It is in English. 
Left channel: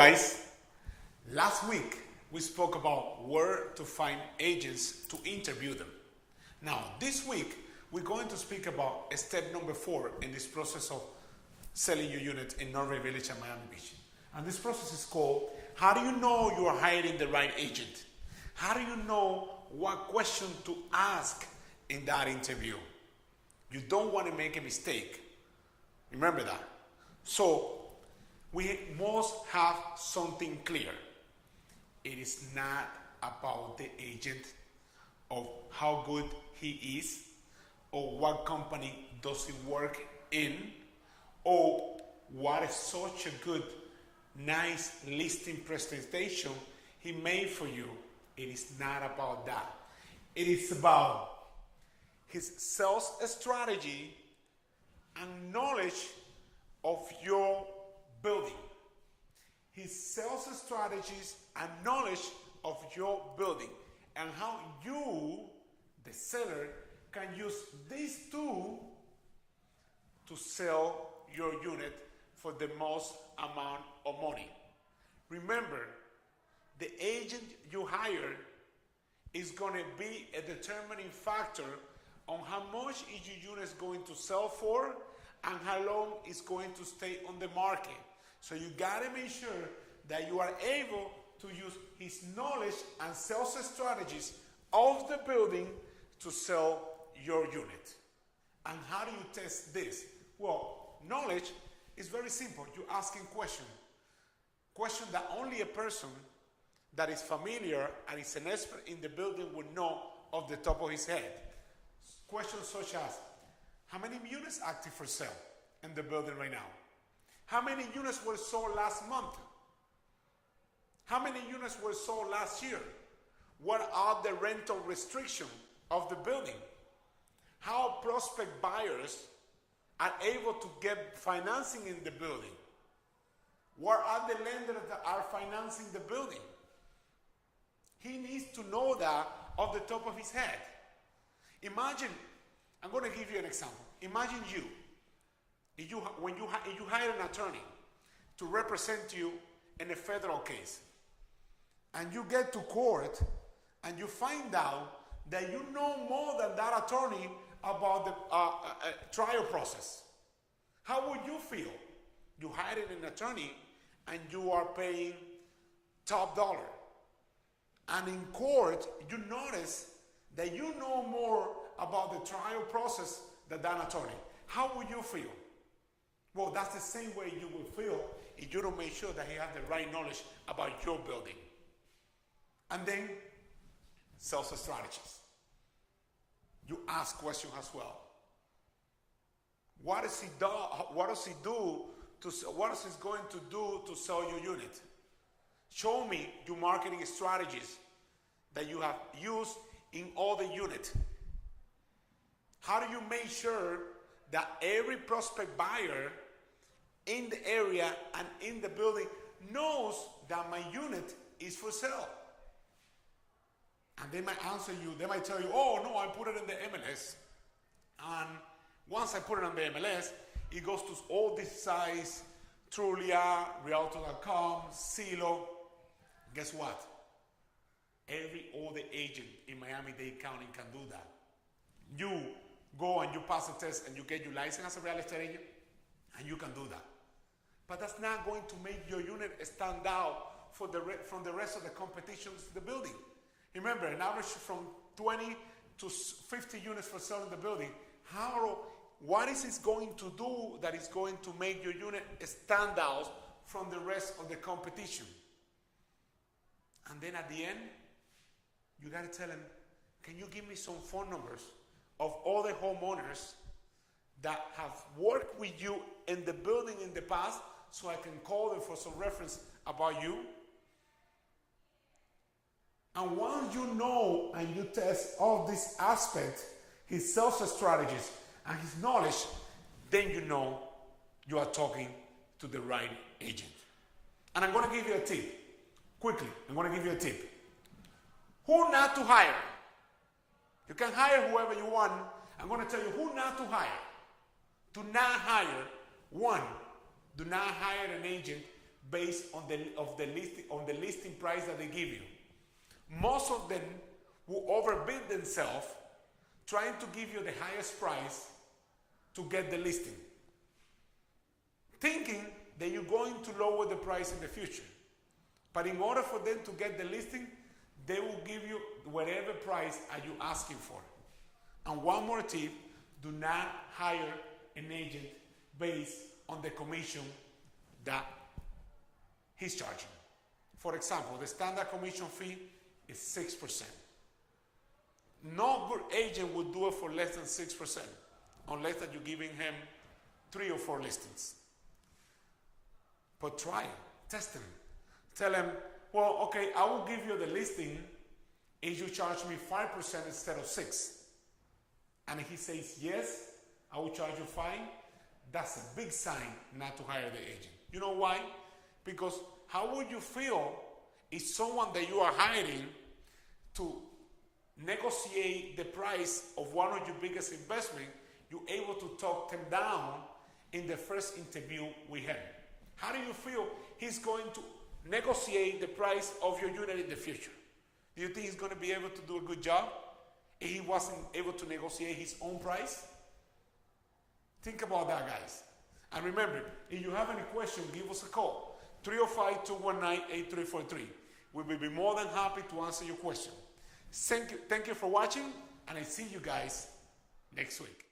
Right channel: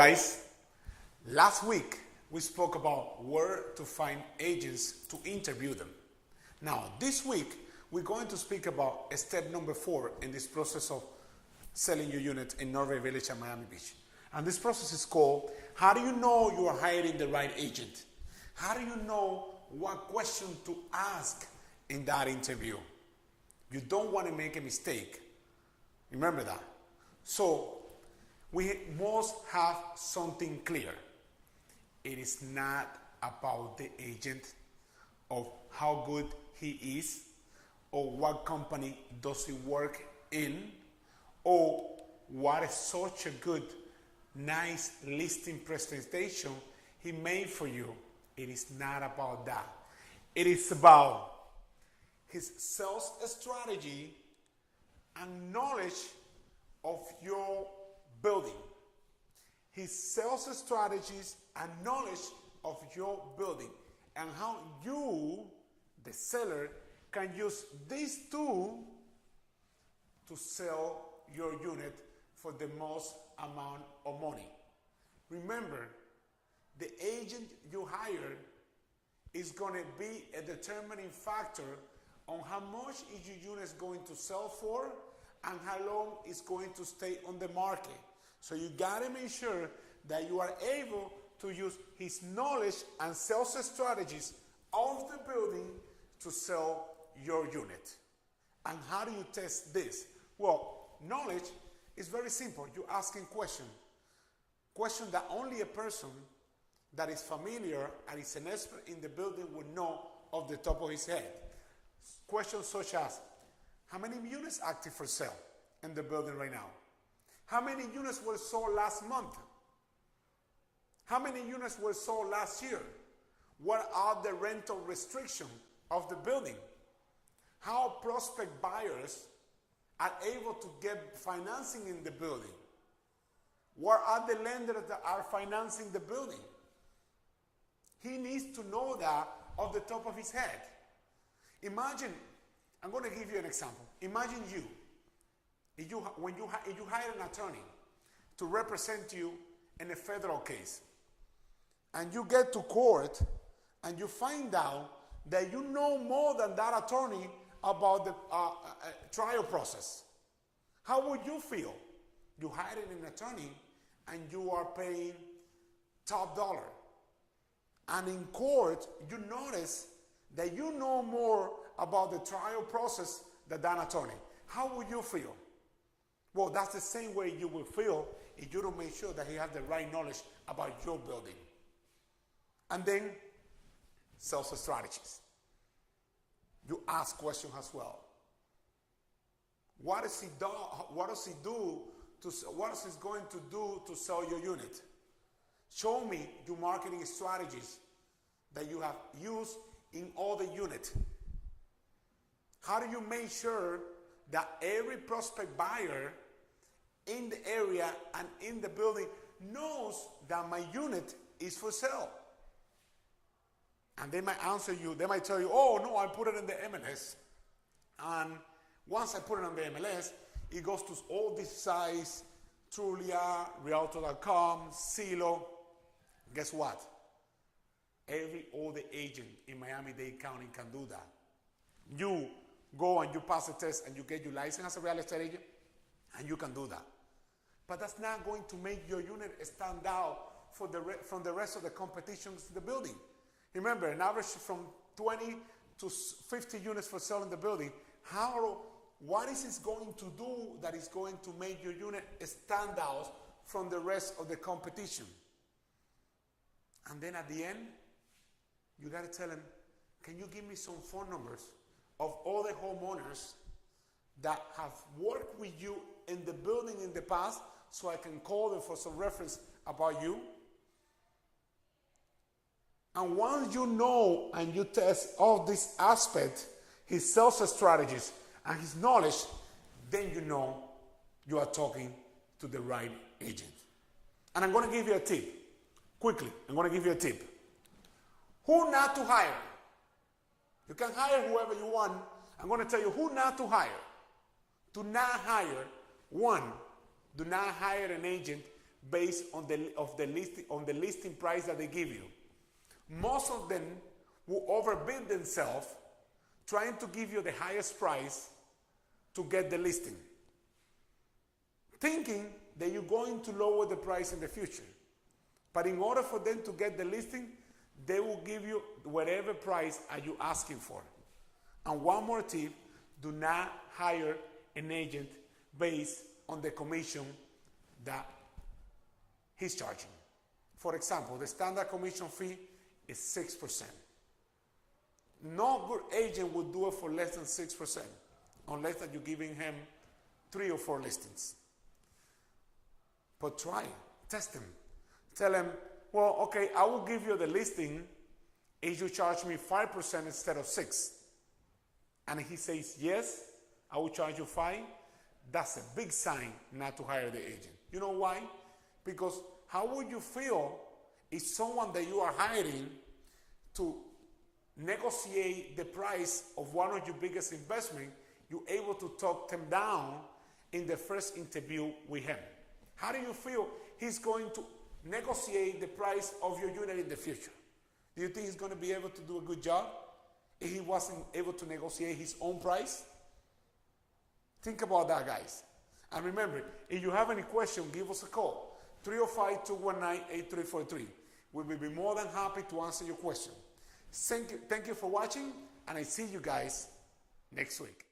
guys. Last week we spoke about where to find agents to interview them. Now this week we're going to speak about step number 4 in this process of selling your unit in Norway Village and Miami Beach. And this process is called, how do you know you are hiring the right agent? How do you know what question to ask in that interview? You don't want to make a mistake. Remember that. So we must have something clear. It is not about the agent, of how good he is, or what company does he work in, or what is such a good, nice listing presentation he made for you. It is not about that. It is about his sales strategy and knowledge of your building. His sales strategies and knowledge of your building, and how you, the seller, can use these two to sell your unit for the most amount of money. Remember, the agent you hire is going to be a determining factor on how much is your unit going to sell for and how long it's going to stay on the market. So you got to make sure that you are able to use his knowledge and sales strategies of the building to sell your unit. And how do you test this? Well, knowledge is very simple. You're asking questions. Questions that only a person that is familiar and is an expert in the building would know off the top of his head. Questions such as, how many units active for sale in the building right now? How many units were sold last month? How many units were sold last year? What are the rental restrictions of the building? How prospect buyers are able to get financing in the building? What are the lenders that are financing the building? He needs to know that off the top of his head. Imagine, I'm going to give you an example. Imagine if you hire an attorney to represent you in a federal case, and you get to court and you find out that you know more than that attorney about the trial process. How would you feel? You hired an attorney and you are paying top dollar. And in court, you notice that you know more about the trial process than that attorney. How would you feel? Well, that's the same way you will feel if you don't make sure that he has the right knowledge about your building. And then, sales strategies. You ask questions as well. What does he do? What is he going to do to sell your unit? Show me your marketing strategies that you have used in all the units. How do you make sure that every prospect buyer in the area and in the building knows that my unit is for sale? And they might answer you, they might tell you, oh no, I put it in the MLS. And once I put it on the MLS, it goes to all these sites, Trulia, Realtor.com, Zillow. Guess what? Every older agent in Miami-Dade County can do that. You go and you pass a test and you get your license as a real estate agent, and you can do that. But that's not going to make your unit stand out from the rest of the competitions in the building. Remember, an average from 20 to 50 units for sale in the building. What is it going to do that is going to make your unit stand out from the rest of the competition? And then at the end, you got to tell them, can you give me some phone numbers of all the homeowners that have worked with you in the building in the past so I can call them for some reference about you? And once you know and you test all these aspects, his sales strategies and his knowledge, then you know you are talking to the right agent. And I'm going to give you a tip. Quickly, I'm going to give you a tip. Who not to hire? You can hire whoever you want. I'm going to tell you who not to hire. Do not hire, one, do not hire an agent based on the listing price that they give you. Most of them will overbid themselves trying to give you the highest price to get the listing, thinking that you're going to lower the price in the future. But in order for them to get the listing, they will give you whatever price are you asking for. And one more tip, do not hire an agent based on the commission that he's charging. For example, the standard commission fee is 6%. No good agent would do it for less than 6%, unless that you're giving him 3 or 4 listings. But try, test him. Tell him, well, okay, I will give you the listing if you charge me 5% instead of 6%. And he says, yes, I will charge you 5%. That's a big sign not to hire the agent. You know why? Because how would you feel if someone that you are hiring to negotiate the price of one of your biggest investments, you're able to talk them down in the first interview with him? How do you feel he's going to negotiate the price of your unit in the future? Do you think he's going to be able to do a good job if he wasn't able to negotiate his own price? Think about that, guys. And remember, if you have any question, give us a call. 305-219-8343. We will be more than happy to answer your question. Thank you for watching, and I see you guys next week.